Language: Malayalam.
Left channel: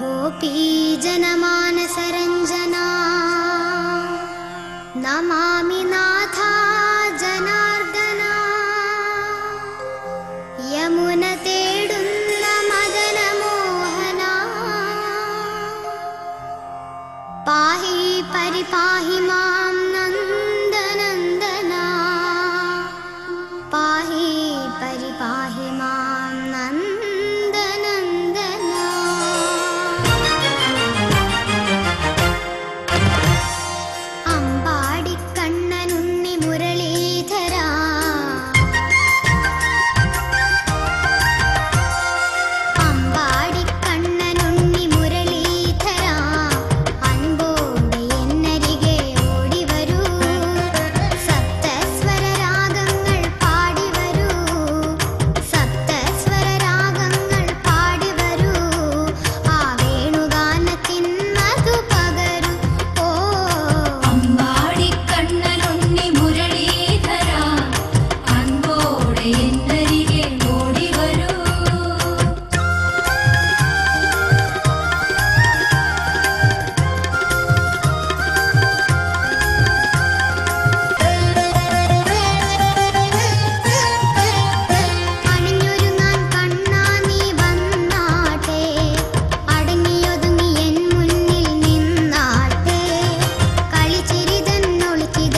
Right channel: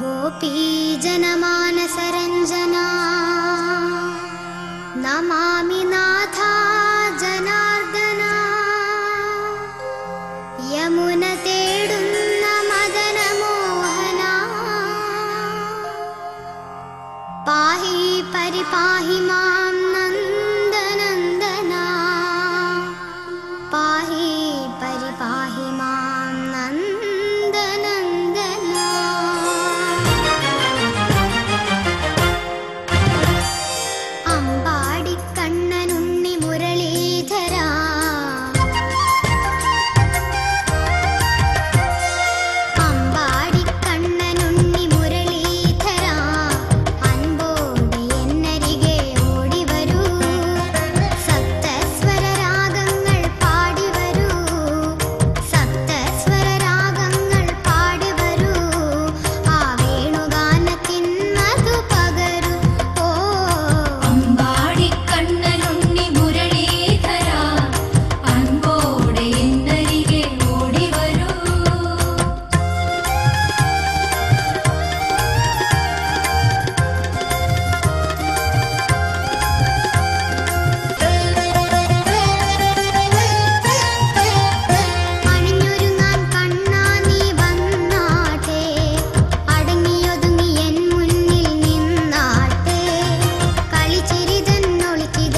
गोपीजनमानसरञ्जना नमामि नाथा जनार्दना यमुनतेडुन्न मदनमोहना पाहि परिपाहि मां नन्दनन्दना पाहि परिपाहि मां नन्दनन्दना अम्बाडिकण्णनुण्णि मुरलीधरा अम्बाडिकण्णनुण्णि मुरलीधरा अൻപോടെ എന്നരികെ ഓടി വരൂ സപ്തസ്വര രാഗങ്ങൾ പാടി വരൂ സപ്തസ്വര രാഗങ്ങൾ പാടി വരൂ ആ വേണുഗാനത്തിൻ മധു പകരൂ ഓ അമ്പാടിക്കണ്ണനുണ്ണി മുരളീധര അൻപോടെ എന്നരികെ ഓടി വരൂ അണിഞ്ഞൊരുങ്ങാൻ കണ്ണാ നീ വന്നാട്ടെ അടങ്ങിയൊതുങ്ങി എൻ മുന്നിൽ നിന്നാട്ടെ കളിച്ചിരിതൻ ഒളിച്ചിത